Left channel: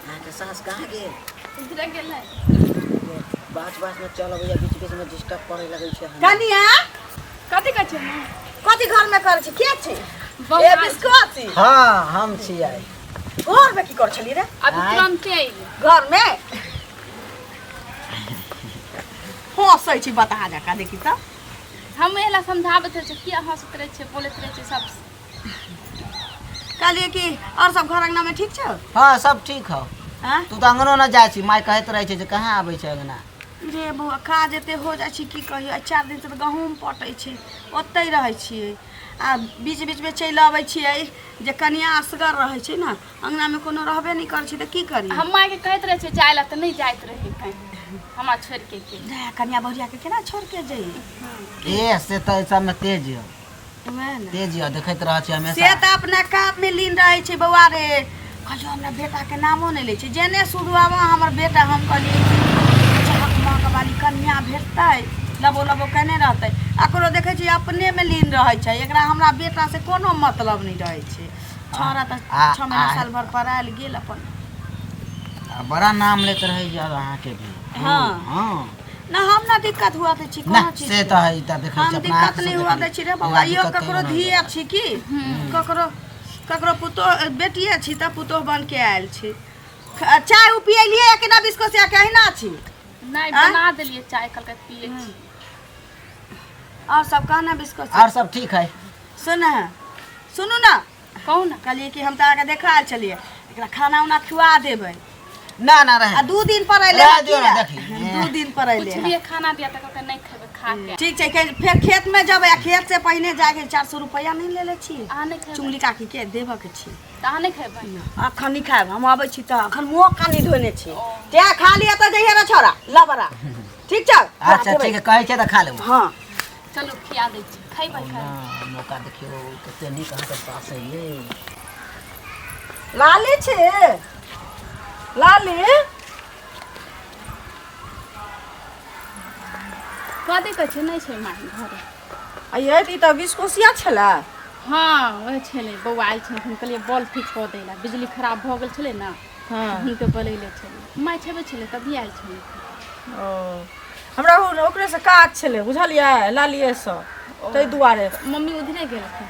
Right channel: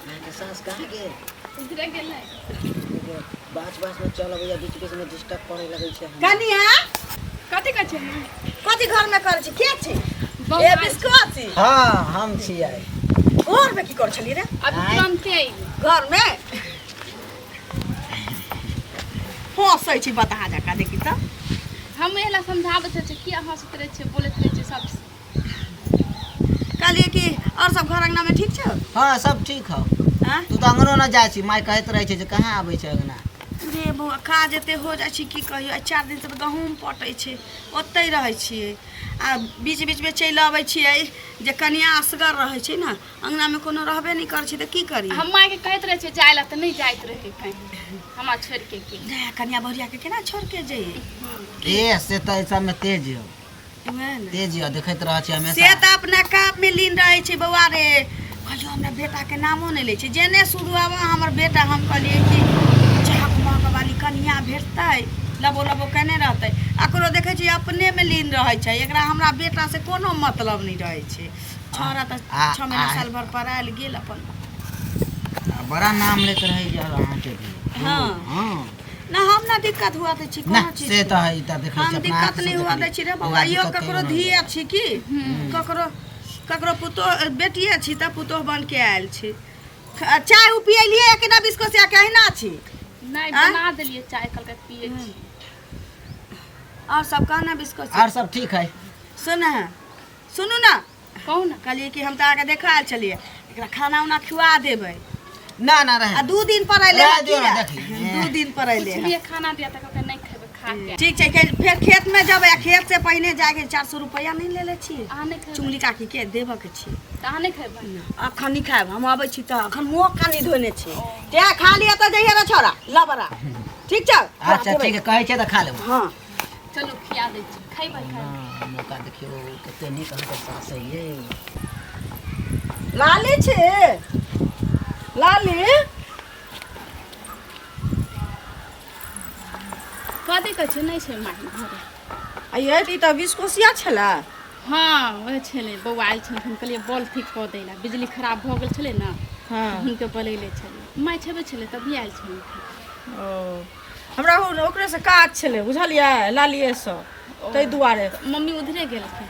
के सास कहाँ गेल? इधर गेल है। बाच में चल भैया बीच में डिस्टर्ब करे लगे छे। कनिया कथी कहै छै मां? कथी घर में कर छी? के छी? बौआ। ए बिस्कुट। हां हम छियै। घर में की कर छली रे? अभी तुरंते आइल। घर में हंसै छी बता जका देखी त। हम एला समझाबत छै कि हंसत रहे छै बोलत रहे छै सब। कहलिए कि और सब घर अंगना में ठीक छ? हां सब ठीक हौ। हां तू तो अंगनो न जाय छी, माय कहत रहे छै जे कहां आबै छै अंगना। रे बौआ काज एते हो जाइ छी की कहियो। 4 दिन से गहूम पटै छै ओतै रहै छियै आ बीच में चलि आबै छियै जे कनिया असगर रहै छै ना अंगना में कोनो रहबे नहीं करै छै त की करी। हम माय के कहत रहे छै जाय ला त नहीं जाइत रहे कहीं हमरा छोड़ के रे कनिया भरिया के केना छोड़ के जई? ए से त सब में तेज हो। वह ना तेज हो देखैत रह छी हमेशा। से त अपना काम में लीन रहै छै बौआ रे। कहियो हमरा बेटा के नामो नहीं लै छै। जेने शुरू आवा हमर बेटा हम कहलिए कि चाहक महक वाली कनिया भेटतै लबो लबो केने रहतै। एकरो देखै छी अपने में लीन रहै छै। एकरा हमरा बेटा से कोनो मतलब नहीं रहै छै। छोरा त 6 महीना साल भर पढ़ायल गेल अपन। बड़ा नाम लेत रही जा अहाँ के भी। हां हां ना हम ना दिक्कत हुआ त छी कोनो चीज से त है त देखै छी हम अपना दिक्कत नहीं हुआ दै छी रे बौआ। यो ककरो धिया छी की ककरो पुतो बेटिए छी त पुतो बन के आयल छी। चाय उ पियलिए कि ना बिस्कुट से कहना छी? नहीं बना देलिए चाय कल के पिए छी। और सब कहना बिस्कुट और सब ठीक है। सुनू ना कहू ना। कहलिए कि हम त आके देखा चलिए एकरा खाना उना खिवा देबै। ना रहे आ 2 दिन पर अइले रह दियौ ना देखी। 2 दिन पर अइले कुछ भी खाना दिया त कहते नहीं खेबे खा के। ठीक छै फिर खेत में जब खेत से पहले जाके 400 रुपया नहीं ले छी? आ नहीं खेबे चुंगली काकी के देबे के छी। त आ नहीं खेबे। अखन नहीं खाएब हम आबै छी त अखन मुंह कानी धोने छी। ते खा लिया त जइहे रे छोरा लबरा। ठीक छ? अच्छा ठीक है कहै छै त खा लेब। हां चलो खिया दे छी खैबै खा। मौका देखियो कते नीक अहाँ के सास है ये। लाली छे लाली कथी कहै छै नहीं छै माय घरे। अये ई त बिस्कोसिया छला। हाँ वह छले बौआ आयल छलखिन कहलिए बॉल ठीक कऽ दै ला बिजली खराब भऽ गेल छलै ना। हां हुनके बोलैले छलिए माय छेबे छलै तभी आयल छलै। ओ हमरा ओकरे से काज छले बुझलिए लालिए से तै दुआरे। मम्मी उधरे गेलखिन।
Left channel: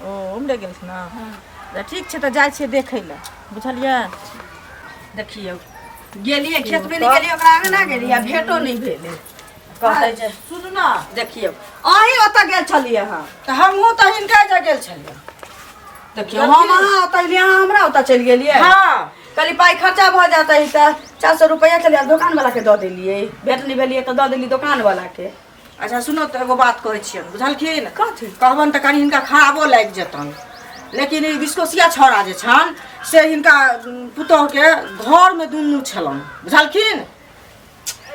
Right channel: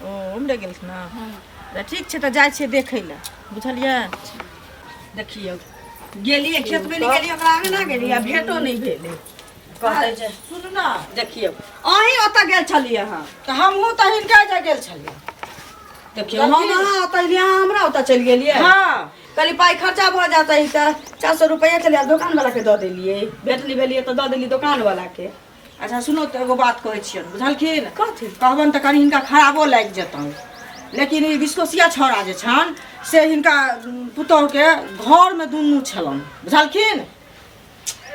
ओ उमरे गेलखिन ना। हाँ त ठीक छै त जाय छियै देखै ला बुझलिए। देखियो गेलिए खेत में नहीं गेलिए ओकरा आगे ना गेलिए आ भेटो नहीं भेले। कहै छै सुनू ना देखियो अहीं ओतऽ गेल छलिए हां त हमहू त हिनका जा गेल छलिए। देखियो हम अहाँ ओतऽ लिया हमरा ओतऽ चल गेलिए। हां कली पाई खर्चा भ जाता है त 400 रुपया चलिए दुकान वाला के द देलिए। भेट नहीं भेलिए त द देली दुकान वाला के। अच्छा सुनो त एगो बात कहै छियन बुझलखिन कथि कहबन त कनी हिनका खराबो लाग जतन। लेकिन ई बिस्कोसिया छोरा जे छन से हिनका पुतोह के घर में दुन्नू छलन बुझलखिन।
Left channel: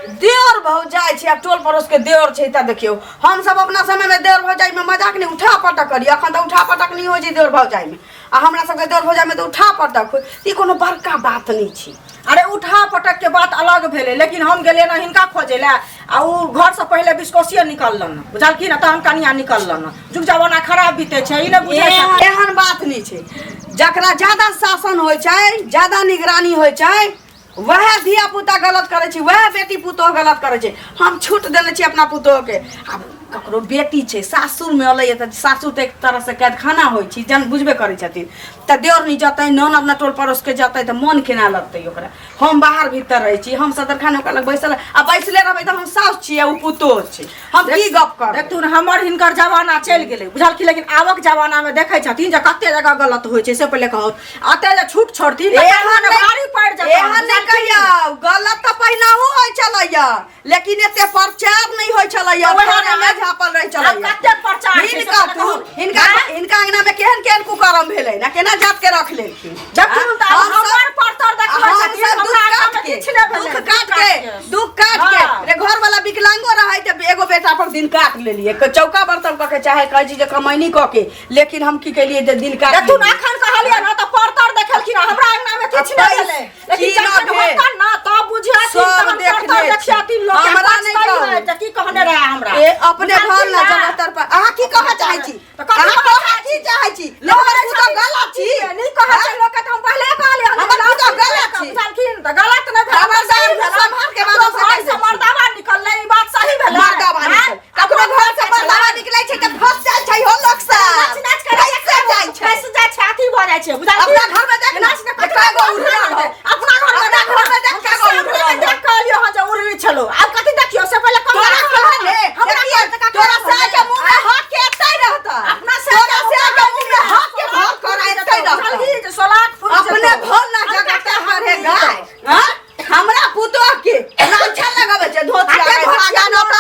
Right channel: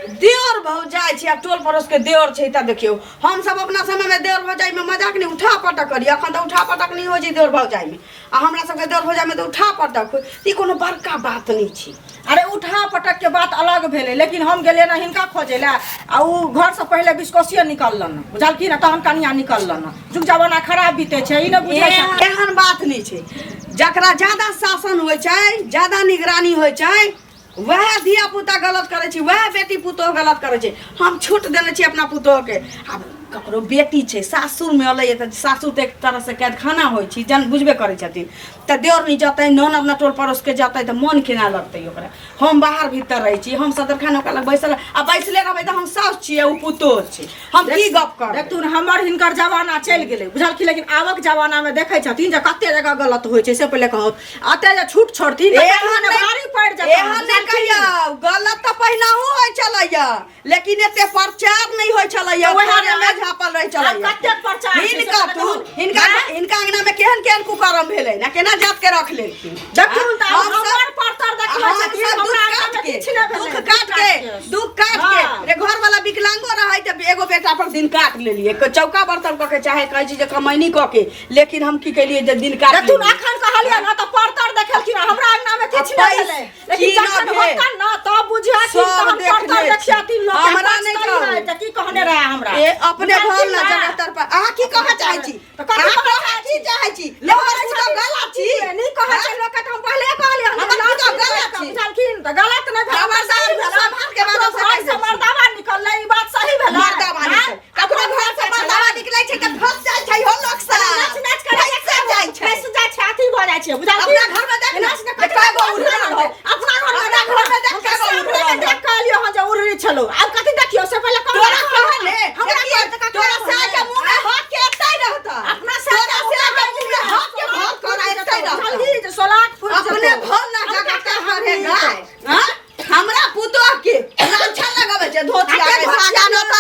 देवर भौजाई छै अब टोल पड़ोस के देवर छै त देखियो हम सब अपना समय में देवर भौजाई में मजाक नहीं उठा पटक करी। अखन त उठा पटक नहीं हो छै देवर भौजाई में आ हमरा सब के देवर भौजाई में त उठा पटक हो। ई कोनो बड़का बात नहीं छै। अरे उठा पटक के बात अलग भेले लेकिन हम गेले ना हिनका खोजे ला आ उ घर से पहले बिस्कोसिया निकललन बुझलखिन त हम कनिया निकललन। जुग जमाना खराब बीते छै ई न बुझै छै। एहन बात नहीं छै। जकरा ज्यादा शासन होय छै ज्यादा निगरानी होय छै वह धिया पुता गलत करे छी वह बेटी पुतोह गलत करे छी। हम छूट देने छी अपना पुतोह के। अब ककरो बेटी छै सासुर में अलै त सासुर त एक तरह से कैद खाना होय छी जन बुझबे करे छथिन त देवर नहीं जतै नन अपना टोल पड़ोस के जतै त मन केना लगतै ओकरा। हम बाहर भीतर रहे छी हम सदर खान ओकरा लग बैसल आ बैसले रहबै त हम सास छी उ पुतोह छै। हम की गप कर देख तू हमर हिनकर जमाना चल गेलै बुझलखिन। लेकिन आबक जमाना में देखै छथिन जे कते जगह गलत होय छै से पहिले कहत अते जे छूट छोड़थिन त एहन भारी पड़ जतै। एहन नहीं कहिया गलत त पहिनाहु होय छलैया लेकिन एते प्रचार नहीं होय छलैया। थाने में झापल रह छलैया कते प्रचार हिनका अंगना में केहन केहन कुकर्म भेलै ना केना जात के रख लेलखिन। जब तू त हमर परतर देखला छथिन हमरा आगा में किछ नै भेलै। दुख काट के रे घर वाला विकलांगो रहै त एगो बेटा पर दिन काट लेलिए चौका बर्तन क के चाहे कहै छी जे कमैनी क के लेकिन हम की केलिए जे दिन काट तू अखन कहलिए ना त परतर देखलखिन हमरा अंगना में किछ नै भेलै। लेकिन जखन होतन ना त बुझिया कि हम परतर देखियाती लोग हमरा नै कहै त की कहने रहे हमरा ए अपने भल ना जगतर पर अहाँ की कहै चाहै छी त कहै छी चाहै छी लोग तो गलत छी नहीं कहै छै लोग त हम पहले कहलिए हम गलत छी त गलत न भेल हमर सही भेल संभाल के बात से मर्दावा निकलले ई बात सही भेल मर्दावा निकल ककरो घर से मर्दावा निकलै छै त फंस जाय छै हो लोक सा नाच नाच करे से जाय छै कैसे जाय छै अथी भ जाय छै बुझा अपना घर में देख नाच न कतरा गो उड़ल हो अपना घर में देख देख कहलियो हां जे उड़री छलो आब कथि देखियो से पहले कौन कहले हमरा तोरा से के मुंह में हाथ के एतै रहता अपना से के मुंह में हाथ के भाग कर एतै रहता जल्दी जे सोलाक फूल अपने भोल ना जगते हरे गाय हां हमरा पुतो के लांछा लगावे छै धोती आगे भागा न त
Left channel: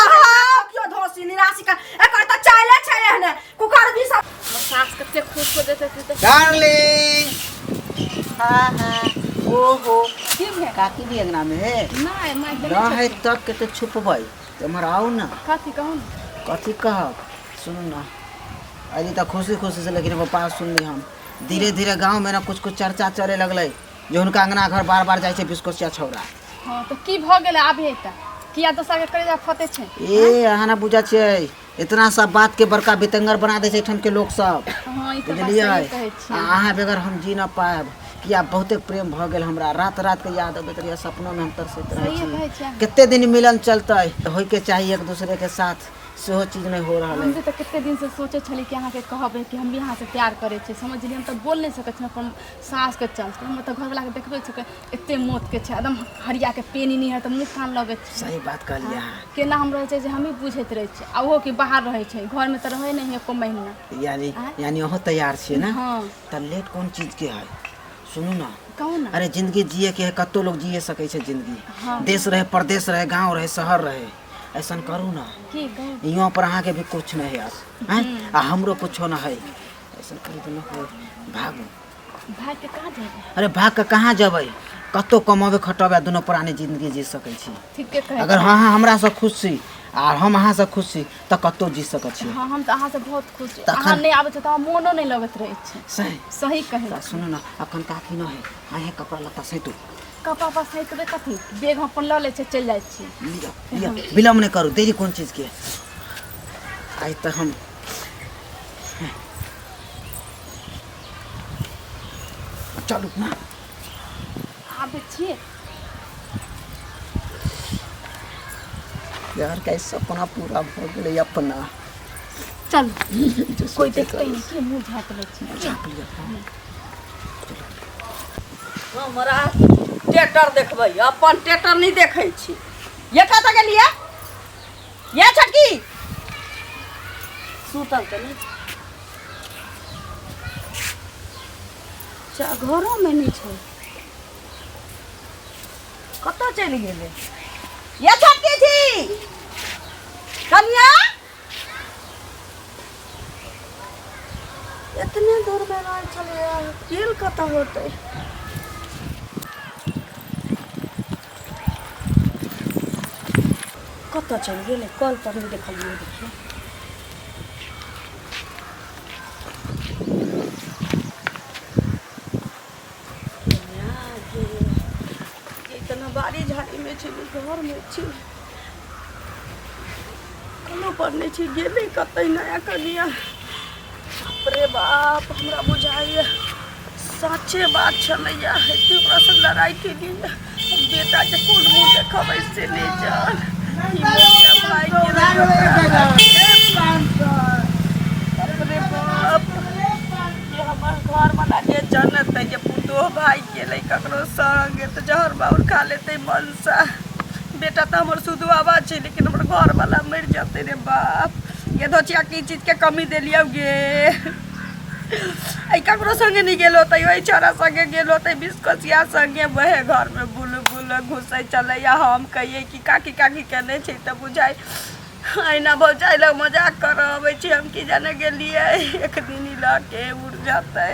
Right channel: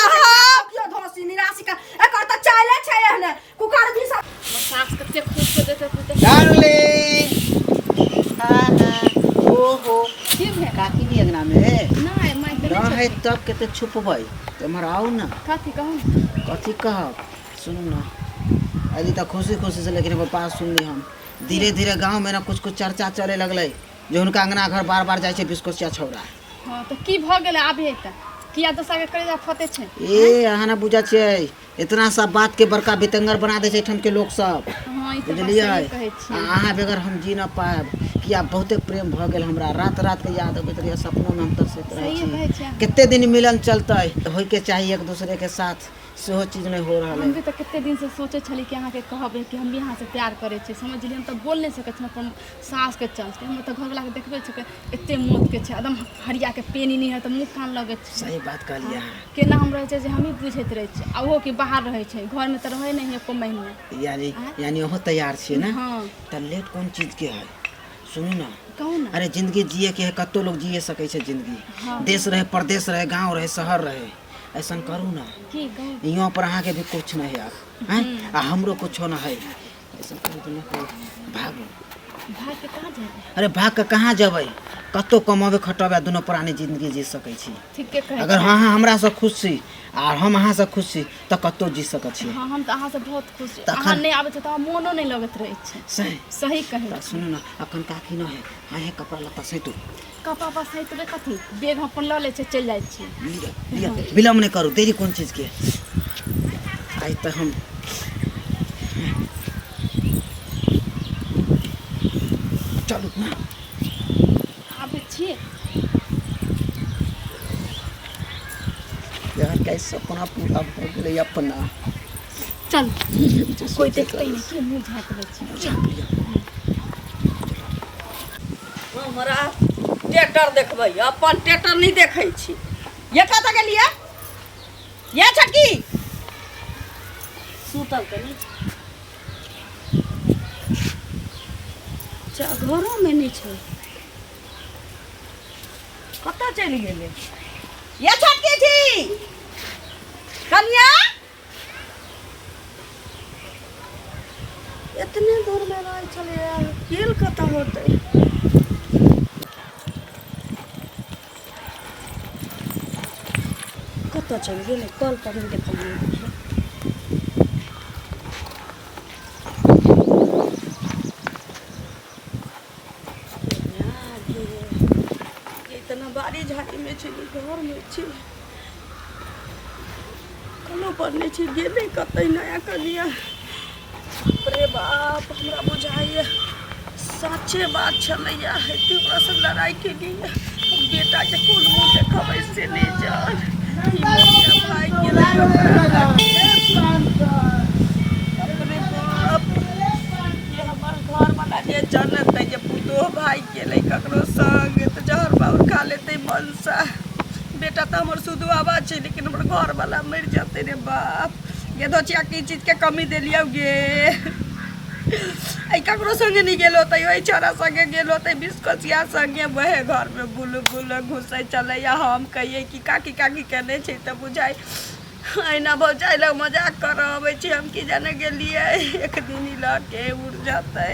कियो धोसी निराशी का एकर त चाइले छै एहने कुकर भी सब सास कते खुश हो देते थे डार्लिंग ओहो की भे काकी दी अंगना में नहीं मैं ना है तब के तो छुपबै तुमर आओ ना कथी कहूं कथी कहब सुनू ना अजी तक खुशी खुशी से लेकिन पापा सुन ली हम धीरे धीरे गांव में ना कुछ कुछ चर्चा चले लगले जो उनका अंगना घर बार बार जाय छै बिस्कोसिया छौरा हां तो की भ गेले आबे त किया दोसर के करे जा फते छै ए अहाँ ना बुझा छै इतना सब बात के बड़का बितंगर बना दे छै ठन के लोग सब हां ई तो बात बुझलियै सही कहै छी अहाँ बगैर हम जी न पाएब किया बहुते प्रेम भ गेल हमरा रात रात के याद अबैत रहिए सपनों में हम तरसैत रहे सही कहै छी छी कितने दिन मिलन चलतै होय के चाहिए एक दूसरे के साथ सेहो चीज नहीं हो रहल हम है भी तो कितने दिन से सोचे छली कि अहाँ के कहबे कि हम भी यहाँ से प्यार करे छे समझलिए हम तो बोल नहीं सकत छी अपन सास के चलते हम तो घर वाला के देखबे छ के एते मौत के छै एकदम हरिया के पेनी नहीं है तो मुंह कान लगे छै सही बात कहलिए केना हम रहे छै जे हम ही बुझैत रहे छै आ ओहो कि बाहर रहे छै घर में तो रहे नहीं एको महीना यानी ओहो तैयार छिए ना हां त लेट कौन चीज के है सुनू ना कहू ना अरे जिंदगी जिए के है कत्तो लोग जिए सकै छै जिंदगी हाँ। देश रहे परदेश रहे गांव रहे शहर रहे ऐसा करू ना की कहू यहाँ पर अहाँ के भी कुछ नहीं है यार हैं आ हमरो कुछ ना है ऐसा करू ना भागू भाग के कहाँ जेबै अरे भाग के कहाँ जबै कत्तो कमाबे खटबे दोनों पुरानी जिंदगी जी सकै छी ठीक के कहे अगर हाँ हाँ हमरा से खुश छी आ हम अहाँ से खुश छी त कत्तो जी सकै छी हाँ हम तो अहाँ से बहुत खुश छी तखन- अहाँ नहीं आबे छै तो मोनो नहीं लगत रहे छै सही सही कहे त सुनू ना अखन काकी न है हाँ है कपड़ा लत्ता सही तू कपड़ा पर सहित बे कथी बैग हम अपन ल ले छै चल जाय छी लिया लिया विलम्ब नहीं करू देरी कौन चीज के आई तो हम चलू ना आबे छिए यार कैसे अपना पूरा हो गेलै अपना चल कोई देखते नहीं कि मुंह झाँक ले छी हमरा टेटर देखबै अपन टेटर नहीं देखै छी ये कत गेलिए ये छटकी सुतल त नहीं घरों में नहीं छै कत चलि गेलै ये छटकी थी कन्या इतने दूर में रह चले किल कत होते कत चलि गेलै कल पर नहीं देखलिए इतना बारी झाड़ी में छी घर में छी कलो पर नहीं छी गेले कतई नया कनिया बाप रे बाप हमरा बुझाइए सच्चे बात छलैया हेते ओकरा से लड़ाई के लिए बेटा के कोन मुंह देखबै से नहीं जान ई मोया भाई गेलै ओकरा बाप रे बाप ये हमर घर वाला जे जानत है जे पुतो भाई गेलै ककरो संग त जहर बाउर खा लेतै मनसा बेटा तो हमर शुद्ध आवाज छै लेकिन हमर घर वाला मर जाते रे बाप ये दोचिया की चीज के कमी देलियो गे आई ककरो संगे नहीं गेलो त ओई छोरा संगे गेलो त बिस्कोसिया संगे वहे घर में बुल बुल घुसै चले या हम कहिए कि काकी काकी कहने छै त बुझाई आईना भौजाई लग मजाक कर अबै छी हम की जाने गेलिए एक दिन ही लके उड़ जाते